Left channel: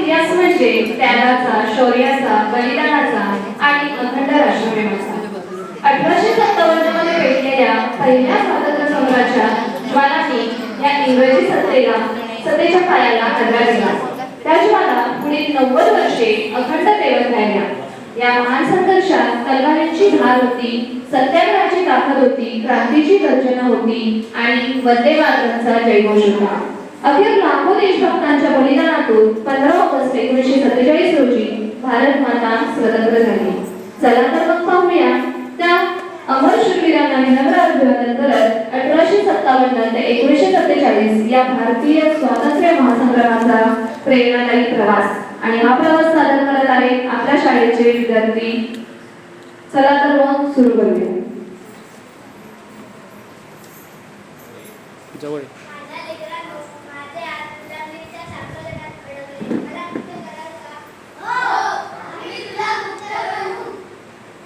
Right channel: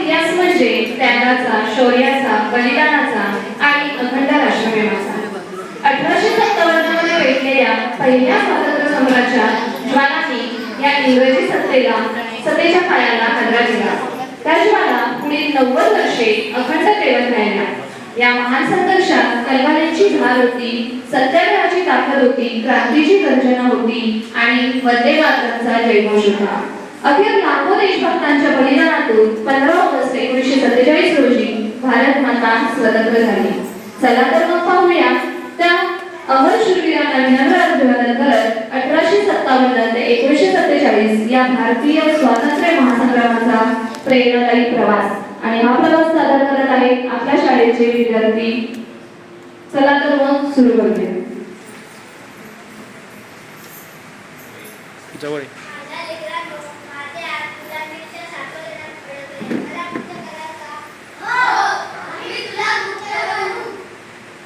इतिहास म्हणजे त्यागाचा, शौर्याचा, बलिदानाचा आणि अखंड राष्ट्रप्रेमाचा. 1857 मध्ये पेटलेल्या पहिल्या स्वातंत्र्य संग्रामाच्या ज्वालांनी या इंग्रजी सत्तेच्या पायाला हादरा दिला. त्या ज्वाला पुढील 90 वर्षे अखंड पेटत राहिल्या. या महान संघर्षात कलवारीची धार होती, सत्याग्रहाची ताकद होती, क्रांतीची गर्जना होती आणि वंदे मातरमचा जयघोष होता. अखेर लाखो देशभक्तांच्या बलिदानातून 15 ऑगस्ट 1947 रोजी भारत माता स्वतंत्र झाली. चला तर मग पाहूया त्या अमर शूरवीरांना विनम्र अभिवादन करत 1857 ते 1947 या भारतीय स्वातंत्र्य महासंग्रामाचा प्रेरणादायी प्रवास. आणि हा प्रवास सादर करत आहेत आपल्या शाळेचे विद्यार्थी. चला तर मग सुरू करूया. जवळ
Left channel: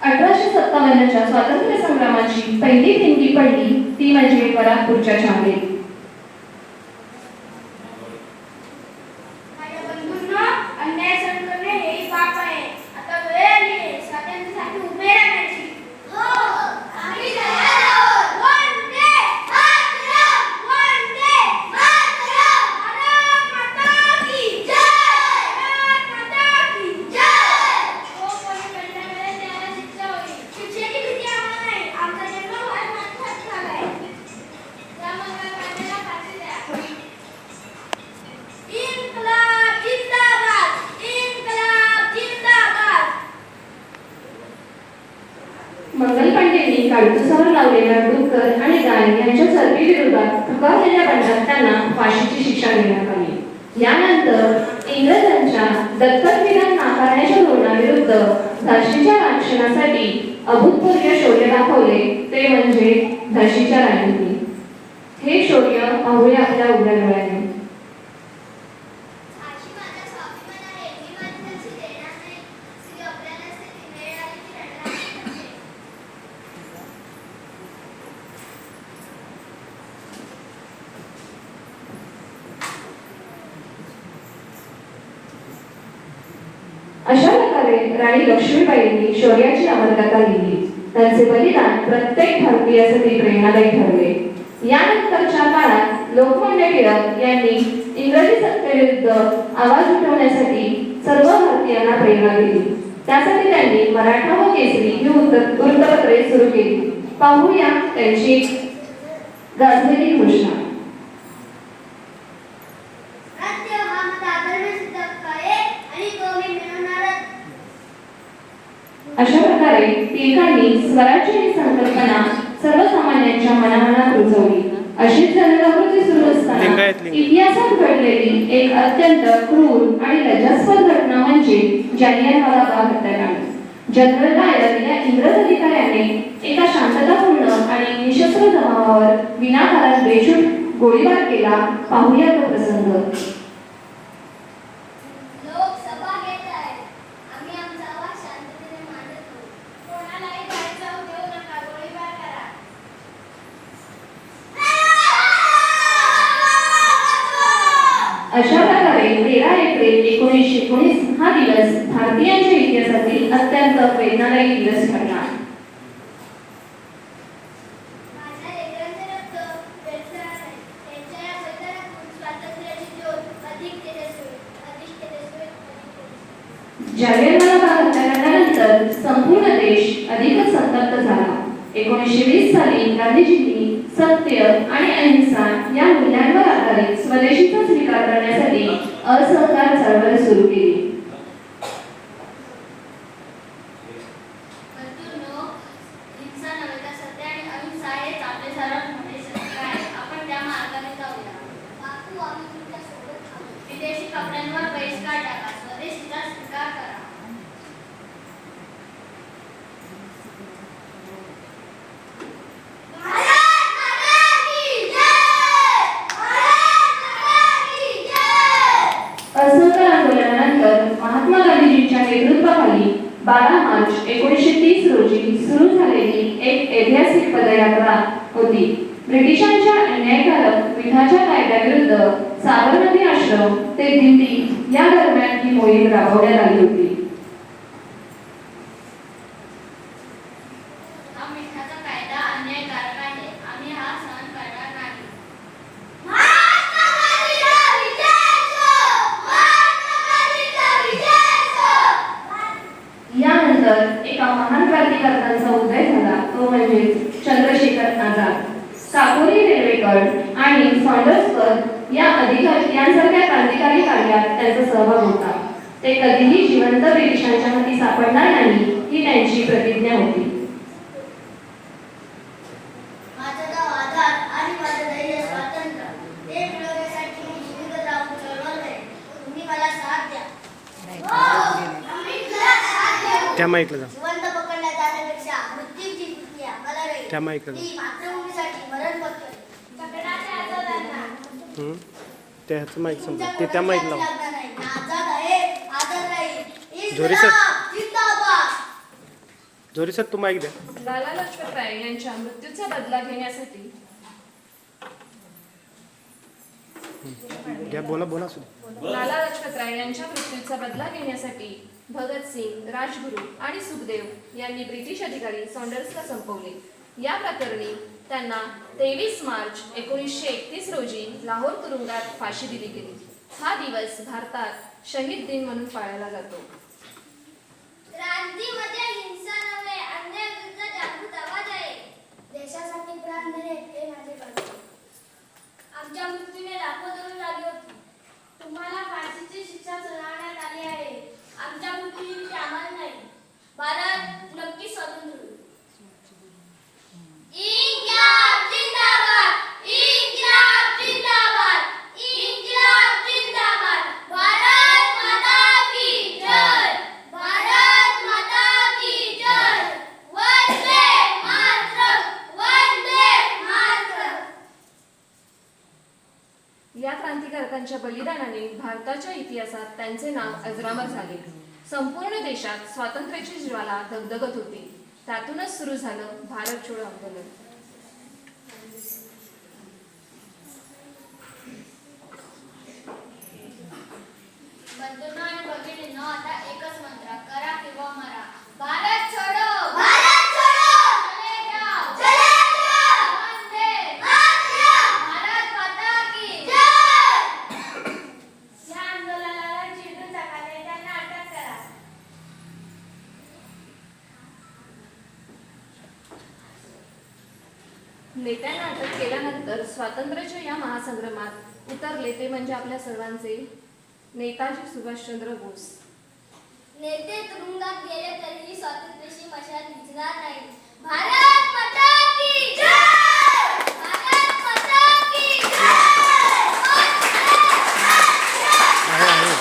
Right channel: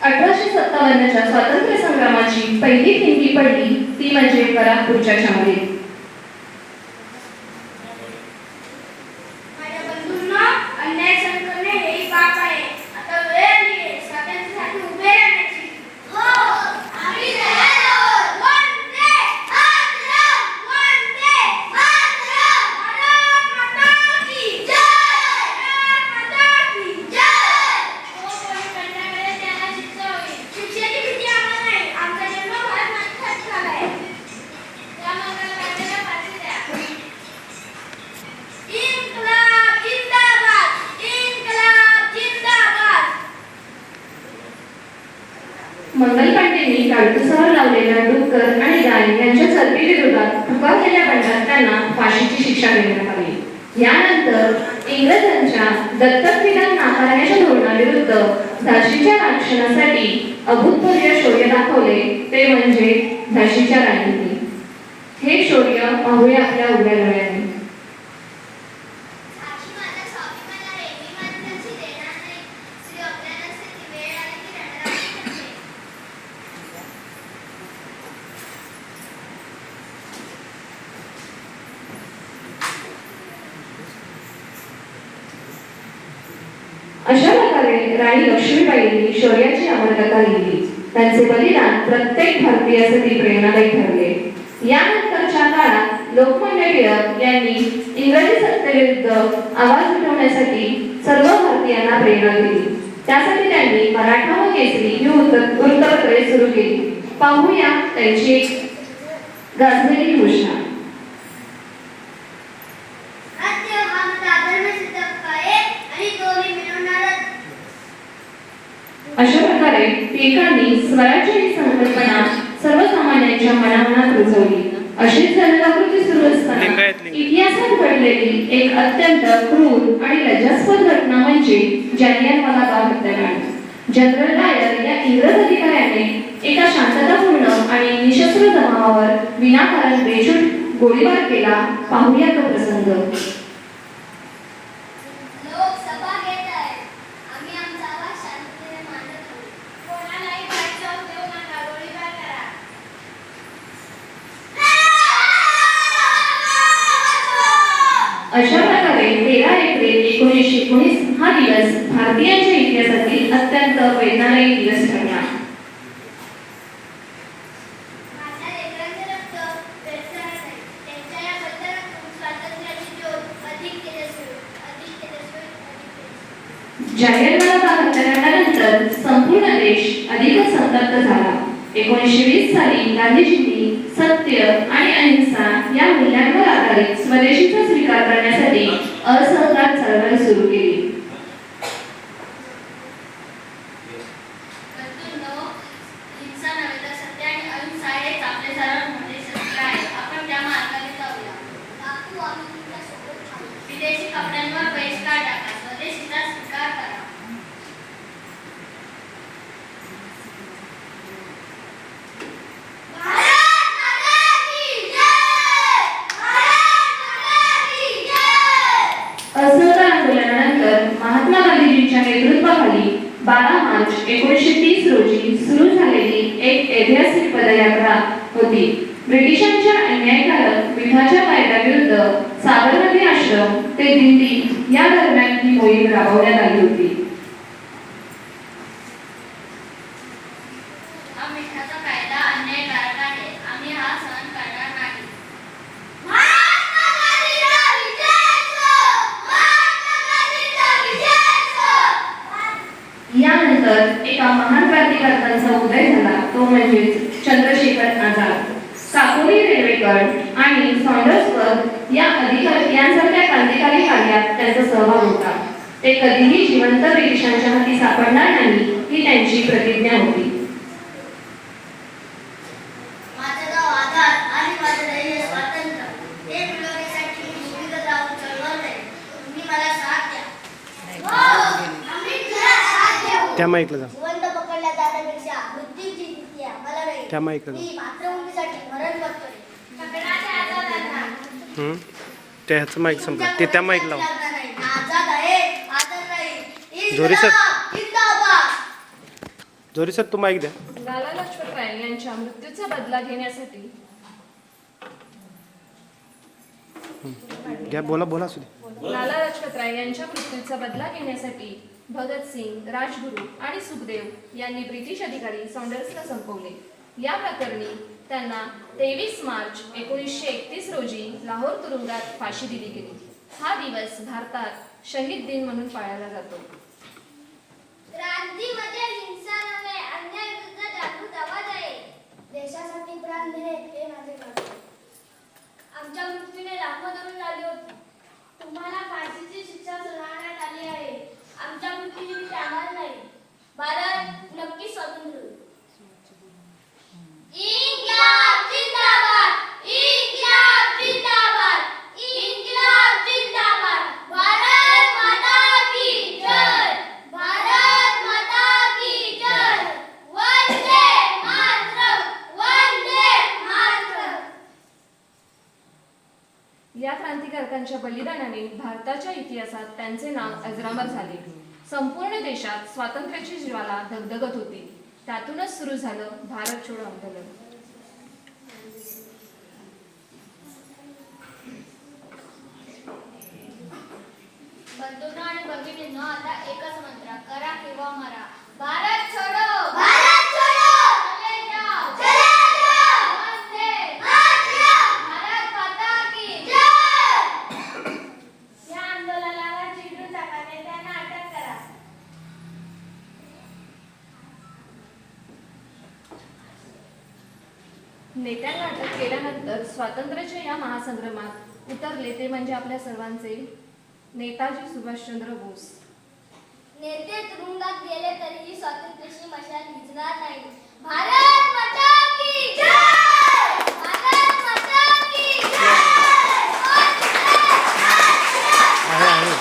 1857च्या स्वातंत्र्य संग्रामाची पहिली ठिणगी पडली ती म्हणजे बराकपूरच्या छावणीत. मंगल पांडेंनी काळुसावर लावलेल्या डुक्कर आणि गाय यांच्या चरबी विरोधात पुकारलेल्या बंडात त्यांना फाशीची शिक्षा देण्यात आली. यानंतर इंग्रजांच्या दत्तक विधान नाकारण्याच्या धोरणाविरुद्ध झाशीच्या रक्षणासाठी अभूतपूर्व शौर्य दाखवले ते म्हणजे झाशीच्या राणींनी. हे शौर्य पाहूया आपल्या उघड्या डोळ्याने. अशा प्रकारे राणी लक्ष्मीबाईंनी शौर्याची अमरकथा लिहिली. त्यांचे बलिदान प्रत्येक भारतीयासाठी प्रेरणादायी ठरले. यानंतरच्या काळात लोकमान्य टिळक यांनी इंग्रजी सत्तेविरुद्ध आवाज उठवण्यासाठी सर्व भारतीयांना प्रेरणा दिली. त्यासाठी त्यांनी मराठा व केसरी ही वृत्तपत्रे सुरू केली. पाहूया त्यांची गाजलेली घोषणा. अशा प्रकारे टिळकांनी स्वराज्य ही संकल्पना सर्वसामान्यांच्या मनामनात रुजवली. अशीच जनजागृती सुरू असताना इतिहासात घडलेली एक अत्यंत क्रूर आणि लज्जास्पद घटना म्हणजे जालियनवाला बाग हत्याकांड. जनरल डायर या इंग्रज अधिकाऱ्याने एका शांततापूर्ण आणि निशस्त्र जमावावर विनाकारण बेशुद्ध गोळीबार केला. पाहूया तो प्रसंग. अशा प्रकारे 13 एप्रिल 1919 हा दिवस भारतीयांच्या इतिहासातील अत्यंत वेदनादायी दिवस ठरला. जालियनवाला बाग हत्याकांडानंतर संपूर्ण देश अधिकच संतप्त झाला. 1920 साली गांधीजींनी सत्य आणि अहिंसा या मूल्यांवर आधारित स्वदेशीचा स्वीकार करण्यासाठी असहकार चळवळ सुरू केली. विदेशी कपड्यांवर बहिष्कार टाका, स्वदेशीचा स्वीकार करा. असहकार आंदोलनानंतर महात्मा गांधीजींच्या नेतृत्वाखाली 12 मार्च 1930 रोजी सुरू झालेली एक ऐतिहासिक पदयात्रा होती. ब्रिटिशांच्या अन्यायकारक मिठाच्या कायद्याविरुद्ध साबरमती आश्रम ते दिल्ली या दरम्यान मोहीम राबवण्यात आली होती. हा मिठाचा कायदा अन्यायकारक आहे. आम्ही हा सहन करणार नाही. यानंतर एका महान क्रांतिकारकांचा उदय झाला, तो म्हणजे चंद्रशेखर आझाद. काकोरी रेल्वेकर आणि सॉन्डर्सवर्थ यांसारख्या क्रांतिकारी कार्यात त्यांचा सहभाग होता. ते कधीही जिवंत ब्रिटिशांच्या हाती सापडणार नाही ही त्यांची प्रतिज्ञा होती. माझं गाव आझाद आणि माझं ध्येय स्वातंत्र्य हे मिळवण्यासाठी मी शहीद राहून चळवळले. तुम्ही मला साथ द्या. आम्ही तुला साथ देऊ. त्या माईकला जा. जिवंत पकडल्या जाण्यापेक्षा मृत्यूची भीती आम्हाला वेळ. त्या माईकला जा. मी मातृभूमीसाठी मरण पत्करेन. छत्रपती आझादांना त्या ह्याचं माईक संपला. ते त्या माईक लाव. आझाद आहे, आझाद राहील. जोरी सर. जिंदाबाद. जोरी सर तू माईक द्या. लाला लजपत राय यांच्या मृत्यूचा बदला घेण्यासाठी घ्या, बोला बोला सुद्धा. लाला लजपत राय यांच्या मृत्यूचा बदला घेण्यासाठी भगतसिंग, राजगुरू आणि सुखदेव यांनी ब्रिटिश अधिकारी सॉन्डर्सला संपवले. या प्रकरणी त्यांना 23 मार्च 1931 रोजी लाहोर तुरुंगात फाशी दिली गेली. हा दिवस भारतात शहीद दिन म्हणून पाळला जातो. क्रांती म्हणजे हिंसा नव्हे, अन्यायाविरुद्ध जागृत आवाज आहे. देशासाठी प्राण देणे हे माझे कर्तव्य. आमच्या मृत्यूने लाखो तरुण झाली होती. तुम्हाला फाशीची शिक्षा सुनावण्यात आली आहे. आमच्या मृत्यूची आम्हाला नाही. भारत नक्की स्वतंत्र होईल. इन्क्लाब जिंदाबाद, इन्क्लाब जिंदाबाद, इन्क्लाब जिंदाबाद. भारत माता की जय, भारत माता की जय. वंदे मातरम, वंदे मातरम. या क्रांतिकारकांच्या बलिदानाने भारताच्या इतिहासात त्यांचे नाव अजरामर झाले. संपूर्ण देशात स्वातंत्र्याची ज्वाला धगधगत होती. त्यातूनच सुरू झालं भारत छोडो आंदोलन. बंधूंनो आणि भगिनींनो, आता एकच मंत्र, करा किंवा मरा. भारत छोडो, भारत छोडो, चले जाओ, चले जाओ. वंदे मातरम, भारत माता की जय. या आंदोलनाला चिरडून टाका, नेत्यांना अटक करा. नेत्यांना अटक केल्यानंतर स्वातंत्र्याच्या या महासंग्रामात उतरले ते म्हणजे आपल्या सर्वांचे नेताजी सुभाषचंद्र बोस. नेते तुरुंगात गेले तरीही स्वातंत्र्याची मशाल विझणार नाही. भारत माता की जय, भारत माता की जय. आहे.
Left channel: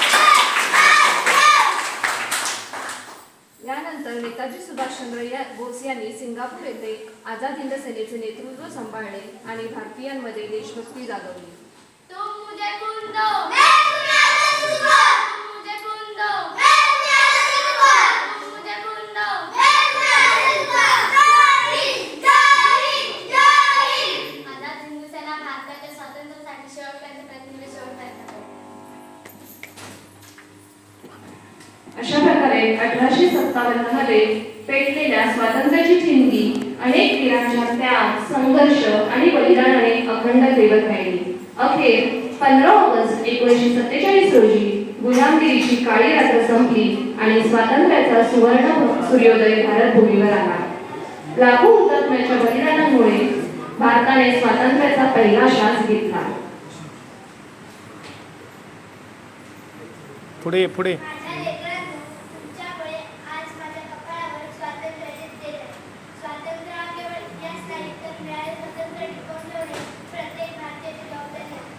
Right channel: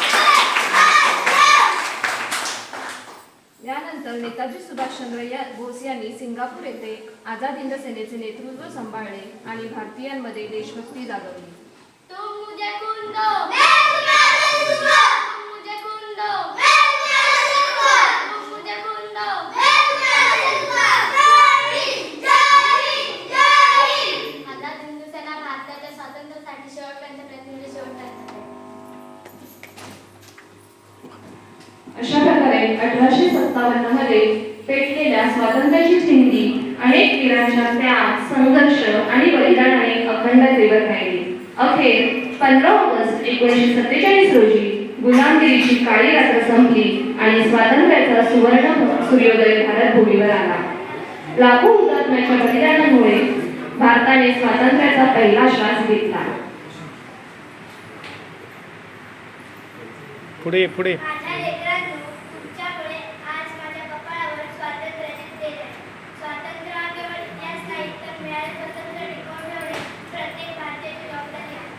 यानंतर नेताजी सुभाषचंद्र बोस यांनी सिंगापूर येथे आझाद हिंद सेनेचे नेतृत्व सांभाळले आणि भारतीयांमध्ये देशभक्ती जागवली. तुम मुझे खून दो, मैं तुम्हें दूंगा. तुम मुझे खून दो, मैं तुम्हें दूंगा. तुम मुझे खून दो, मैं तुम्हें दूंगा. जय हिंद, जय हिंद, जय हिंद. आझाद हिंद सेना भारताच्या स्वातंत्र्यासाठी शेवटपर्यंत प्रयत्न शेवटपर्यंत. अशा प्रकारे 1857 मध्ये पेटलेल्या स्वातंत्र्याची चिंधी अनेक वीरांच्या त्याग, संघर्ष आणि बलिदानाने अखंड देवत राहिली. अखेर 15 ऑगस्ट 1947 रोजी गुलामगिरीची काळी रात्र संपली आणि स्वातंत्र्याचा सुवर्ण सूर्योदय भारत भूमीवर आला. लाखो हुतात्म्याच्या बलिदानामुळे भारताने स्वातंत्र्याचा पहिला श्वास घेतला. पुढे पुढे. माझ्या लेकरांनो, तुमच्यापुढे आज माझ्या कपाळावर स्वातंत्र्याचे तेज आहे. स्वातंत्र्य हा केवळ इतिहास नाही, तर मिळाले स्वातंत्र्य टिकवून ठेवणे प्रत्येक भारतीयाची जबाबदारी आहे.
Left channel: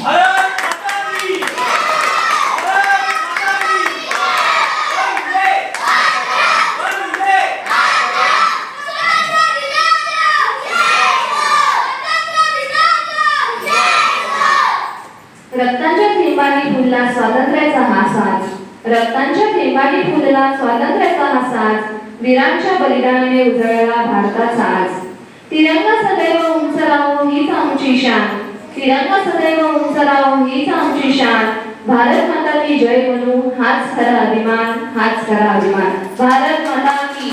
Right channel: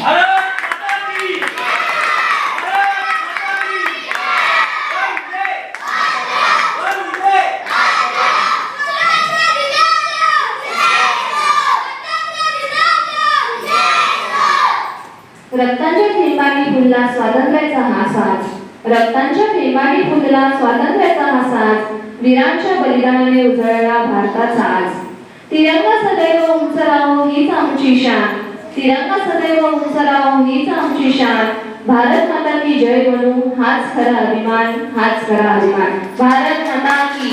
भारत माता की जय, भारत माता की जय. वंदे मातरम, स्वातंत्र्य दिनाचं जय हो, स्वातंत्र्य दिनाचं जय हो. रक्तांच्या थेंबांनी फुलला स्वातंत्र्याचा हा साज, रक्तांच्या थेंबांनी फुलला स्वातंत्र्याचा हा साज, वीरांच्या बलिदानाने उजळला भारताचा आज. तिरंगा सदैव उंच राहो हीच आमची शान, तिरंगा सदैव उंच राहो हीच आमची शान. भारत माता की जय बोलू, हाच खरा अभिमान, हाच खरा अभिमान. भारत माता की